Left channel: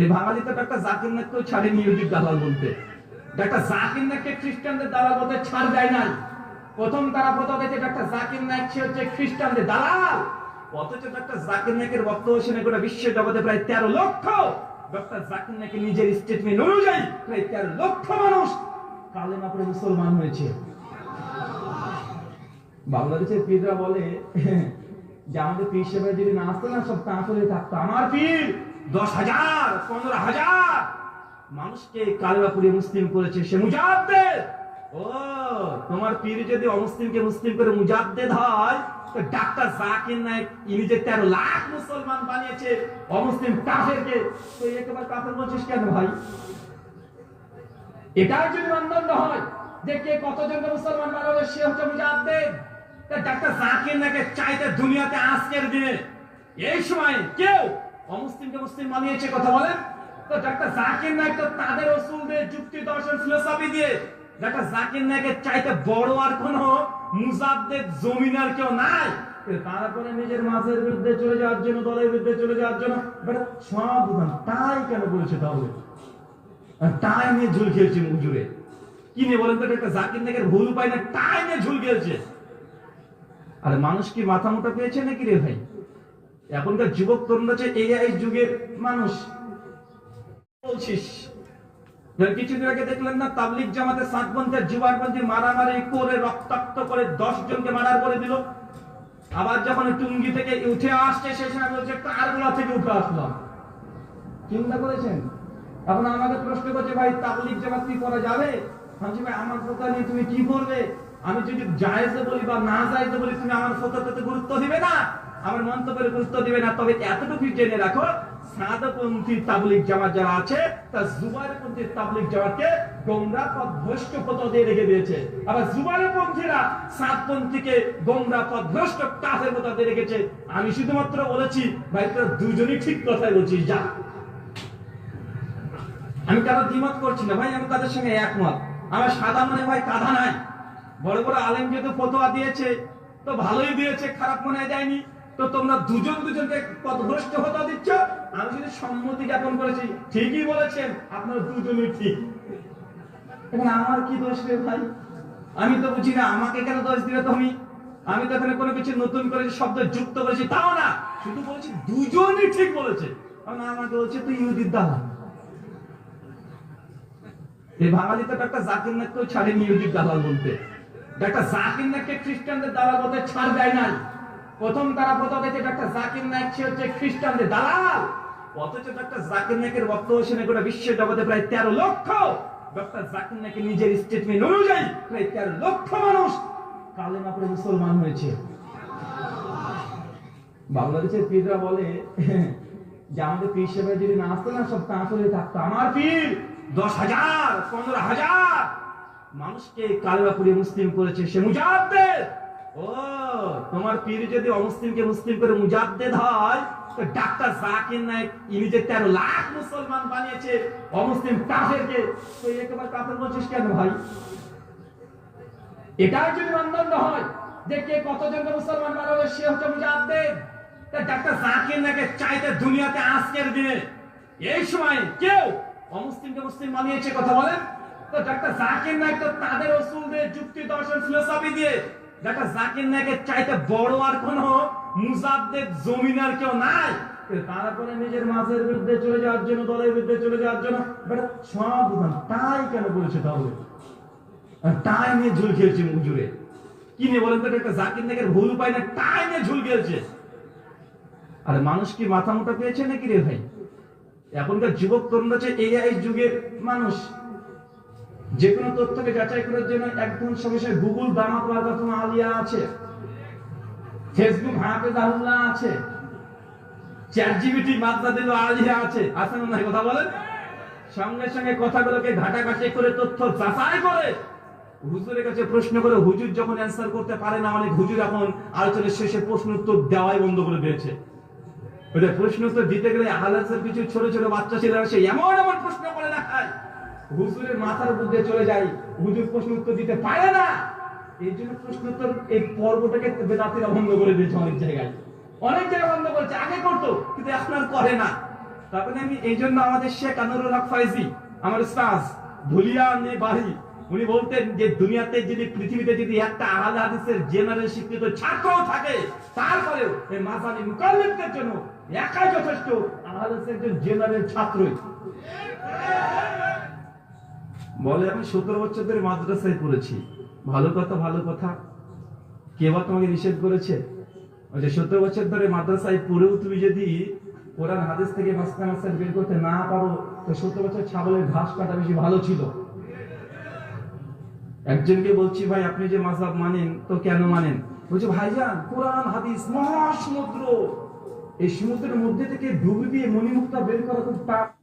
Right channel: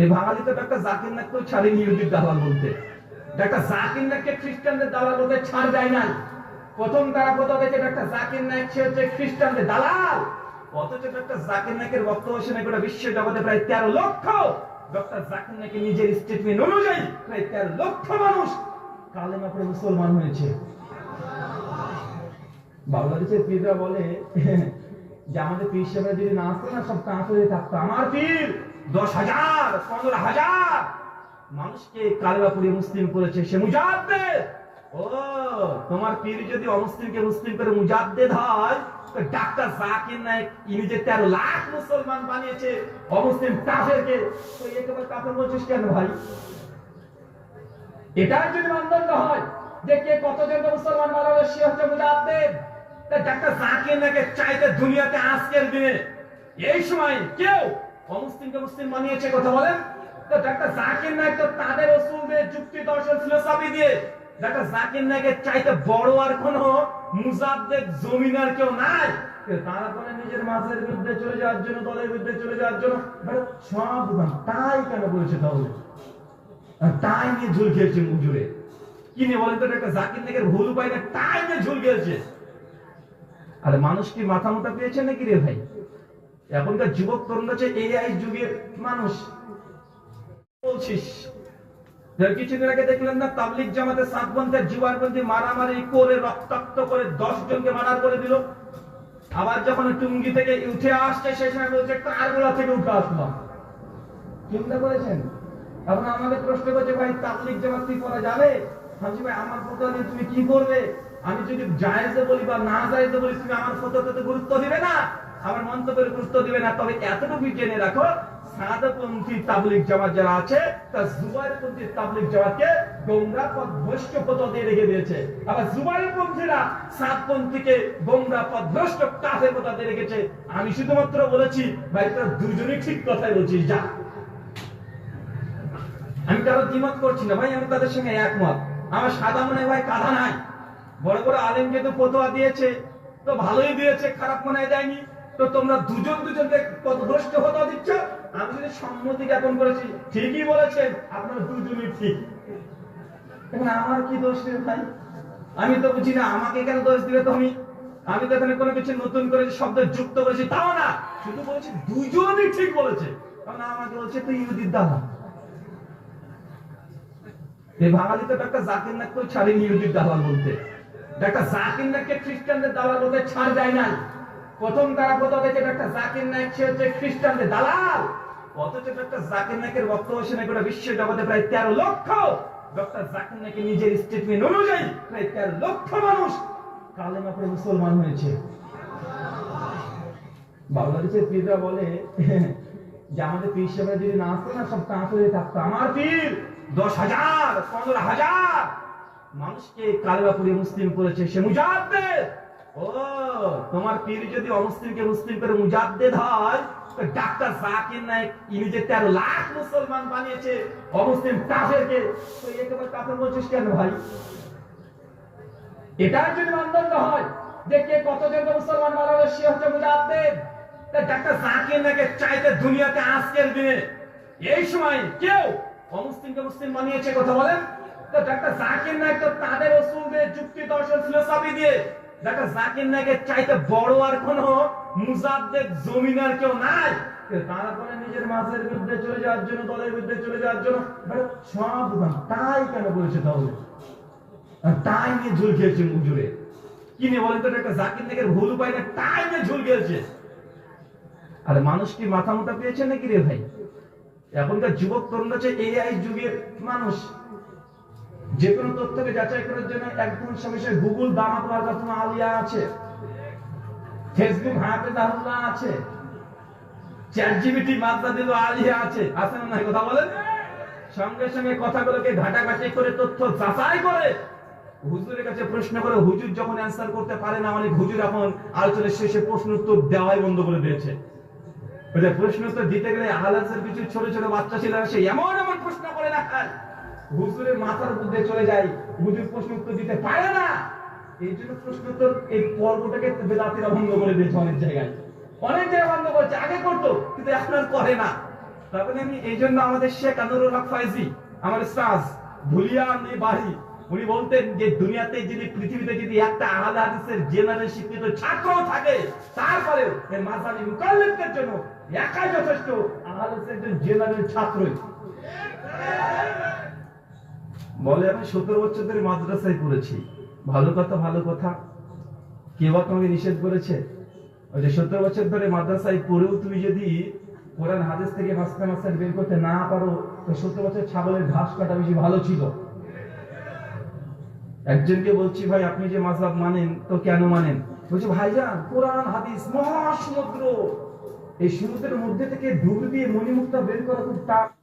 এই বাঙালি তো একটা জাকির নাককেও ছাড়ে নিয়োজিত দালাল বলতে। একটা জাকির নাককে খ্রিস্টানদের দালাল বলতে ছাড় যায় নাই। প্রথম তারা কথা হয়েছে একটা জাকির নায়ক সে হচ্ছে খ্রিস্টানদের দালাল। অথচ একটা জাকির নায়কের বক্তব্য শুনে গোটা বিশ্ব জগতে প্রায় তেরো লক্ষ। ডক্টর জাকির নায়কের নিজের স্টেটমেন্ট অনুযায়ী প্রায় তেরো লক্ষ মানুষ কালেমা পড়ে মুসলমান হয়েছে। বাংলাদেশের পীররা বলে যে আমাদের পীর সাহেবরা যদি না আসতো না, সব তাঁতরে থাকতো। আমার পীর দশ হাজার, পনেরো হাজার। মানুষকে কালেমা পড়িয়ে মুসলিম করেছে সে মুজাদ্দেদ। ও, তোমার পীর যদি অমুসলিমকে মুসলিম করে মুজাদ্দেদ হয়, তো ডাক্তার জাকির নায়ক, ইনি যে তেরো লাখ মুসলমান বানিয়েছে, অমুসলিম কাফেরকে, তো একেবারে কাফের বলছিস কেন ভাই? এটাই যদি মানদণ্ড হয়, যে কে কতজনকে মুসলমান বানাবে, সে হচ্ছে মুজাদ্দেদ। তা ডাক্তার জাকির নাকে চাইতে দুনিয়াতে আজকের দিনে, এই সময় কেউ অমুসলিমকে মুসলিম বানিয়েছে, কথা বলেন? তো ডাক্তার জাকির নায়ক তো তাদের ওসুল দিয়ে যুক্তি দর্শন ফিলোসফি দিয়ে। ডাক্তার জাকির নায়কের চাইতে বড় আর কোন মুজাদ্দেদ জমিন আর কেউ নাই। তারপরে নিজের মাছের বিরুদ্ধে চলে যাওয়ার জন্য, দলের বিরুদ্ধে চলে যাওয়ার জন্য সব তাই কেন বলেছে তাহলে? তাই নিয়ে ঝুল খেয়েছে মুজুরে কি নিয়ে বলেন তো একটা জাকির নাকের ভুল উপায় না, তাই নিয়ে ঝুল খেয়েছে আরে মানুষ কি মাথা মোটা পেয়েছে নাকি রে ভাই? এখনকার যুবক তরুণরা হচ্ছে এআই যুগের মানুষ। বলছিস? কিছুদিন আগে দেখলেন না তাবলিক জামাতে মারামারি করে, রক্তাক্ত করে দশ জনকে মারার করে দিল। আবার যখন টুঙ্গি থেকে উঠে আসছে সেই সময় বলছে কারগুলা থেকে উঠে আসলাম। চিন্তা করেছেন? এখন আমাকে প্রশ্ন করছে, ভাই তাবলিক জামাত কি করা যাবে? হাজি ভাই, আমার কথা নিয়ে তুমি কি করবে? আমি যদি জায়েজে বলি বা না জায়েজে বলি, তুমি আমার ফতোয়াতে গুরুত্ব দিবে না? আমার মন্তব্যের গুরুত্ব দিবে না, তবে এতটুকু জেনে রাখো, সাদাপন্থী তাবলিক জামাত যারা আছে তা জুবাইরপন্থী তাবলিক জামাতকে গোমরা পথ ভ্রষ্ট ফতোয়া দিয়ে রেখে দিয়েছে। আবার জুবাইরপন্থীরা সাতপন্থীকে গোমরা পথ ভ্রষ্ট কাফের ফতোয়া দিয়ে রেখেছে। আমি শুধুমাত্র বলেছি, ভাই, তোরা দুজনই ঠিক কথাই বলছিস, যা। আমি কারও দ্বিমত করছি না, ভাই, আমি তাদের সঙ্গে একমত। আমার সাদা মনে ভাই কাঁধা নাই। বড় বড় আলেম যেহেতু ফতোয়া দিয়েছে, তো ভালোই দিয়েছে, খারাপ মনে হয় যায়নি। তো তোমরা দুজন দুজনকে পথভ্রষ্ট ফতোয়া দিচ্ছ? আমি যদি সম্মতি জ্ঞাপন করেছি, ঠিকই বলেছেন, আপনারা দুজনই ঠিক। এখন আমার কি দোষ রে ভাই? আমি তো বুঝি না, আমাকে কেন দোষ দিবে তুমি? আমি তো এখানে কোনো কিছু নতুন করে শব্দ যুক্ত করেছি তাও না, শুধু বলছি দুজনই ঠিক বলেছে। কারণ আমাকে বলছে তুই ইহুদির দালাল এই বাঙালি তো একটা জাকির নাককেও ছাড়ে নিয়োজিত দালাল বলতে। একটা জাকির নাককে খ্রিস্টানদের দালাল বলতে ছাড় যায় নাই। প্রথম তারা কথা হয়েছে একটা জাকির নায়ক, সে হচ্ছে খ্রিস্টানদের দালাল। অথচ একটা জাকির নায়কের বক্তব্য শুনে গোটা বিশ্ব জগতে প্রায় তেরো লক্ষ ডক্টর জাকির নায়কের নিজের স্টেটমেন্ট অনুযায়ী প্রায় তেরো লক্ষ মানুষ পড়ে মুসলমান হয়েছে। বাংলাদেশের পীররা বলে, যে আমাদের পীর সাহেবরা যদি না আসতো না, সব তাঁতরে থাকতো। আমার পীর দশ হাজার, পনেরো হাজার মানুষকে কালেমা মুসলিম করেছে। সে মুজাদ্দেদ। ও, তোমার পীর যদি অমুসলিমকে মুসলিম করে মুজাদ্দেদ হয়, তো ডাক্তার জাকির নায়ক ইনি যে তেরো লাখ মুসলমান বানিয়েছে, অমুসলিম কাফেরকে, তো কাফের বলছিস কেন ভাই? যদি মানদণ্ড হয় যে কে মুসলমান সে হচ্ছে মুজাদ্দেদ। তা ডাক্তার জাকির নাকে চাইতে দুনিয়াতে আজকের দিনে, এই সময় কেউ অমুসলিমকে মুসলিম বানিয়েছে, কথা বলেন? তো ডাক্তার জাকির নায়ক তো তাদের ওসুল দিয়ে যুক্তি দর্শন ফিলোসফি দিয়ে। ডাক্তার জাকির নায়কের চাইতে বড় আর কোন মুজাদ্দেদ, জমিন আর কেউ নাই। তারপরে নিজের মাছের বিরুদ্ধে চলে যাওয়ার জন্য, দলের বিরুদ্ধে চলে যাওয়ার জন্য সব তাই কেন বলেছে তাহলে? তাই নিয়ে ঝুল খেয়েছে মুজুরে কি নিয়ে বলেন তো একটা জাকির নাকের ভুল উপায় না, তাই নিয়ে ঝুল খেয়েছে আরে মানুষ কি মাথা মোটা পেয়েছে নাকি রে ভাই? এখনকার যুবক তরুণরা এআই যুগের মানুষ। যে কোনো তথ্যকে যাচাই করার জন্য একদম সমস্যায় গুগল দামাত ওয়ার্কাতুম আলিয়া আছে। ফেসবুক হাফেজ আহুল্লাহ আছে। চ্যাট জিবিটি মাদ্দা দিল আলিয়া আছে। আছে না কথা বলেন? সঙ্গে সঙ্গে কথাগুলোকে ঘাটাঘাটি করে তথ্য যাচাই করে হুজুরের কাছে প্রশ্ন করে হুজুর যখন অ্যান্সার করতে পারে না, অনেক হুজুর এখন আলোচনার শেষে প্রশ্ন উত্তর দেওয়াই বন্ধ করে দিয়েছে। প্রশ্ন উত্তর দিতে গেলে আহলাদের কিছু ছোট ছোট বাচ্চা ছেলে আসে এমন এমন প্রশ্ন করে হুজুরের মাথার মধ্যে চলে যায় হুজুর প্রশ্ন উত্তর দিতে পারে না। এই জন্য প্রশ্ন উত্তর এই পর্বটাকে বেদাতিরা বন্ধ করে দিয়েছে অনেক জায়গায়। অনেক জায়গায় বন্ধ করেছে, আগে করতো, কিন্তু এখন আর করে না। তখন আমি এই জন্য আমাদের শেখ আনুরুল ফয়েজি, আমার স্টাজ ধুলিয়া উনি বলতেন যে দুনিয়াতে যদি, পৃথিবীতে যদি একটা আহলে হাদিসের জেনারেল শিক্ষিত ছাত্র থাকে, তারপরেও এই মুকাল্লিমদের জন্য একাই যথেষ্ট হাদিসের একজন জেনারেল ছাত্রই। বলে, আমি সতেরো বছর ধরে মাদ্রাসায় পড়েছি। ভালো কথা ভালো কথা। কে বা তোমাকে নিষেধ করেছে? যে সত্তর বছর ধরে মাদ্রাসায় পড়েও তুমি যদি কোরআন, হাদিস থেকে মাস্টার মাস্টার বের করতে না পারো, তো সত্তর বছর ছাগলের ঘাস কাটা বেশি ভালো ছিল। একজনকে বলছি, ভাই, আপনি যে মাযহাব মানেন, তো কেন মানেন? বলছে, ভাইজান, কোরআন, হাদিস, মহাসমুদ্র। এই সমুদ্রের মধ্যে থেকে ডুব দিয়ে মণিমুক্তা বের করা খুব টাফ।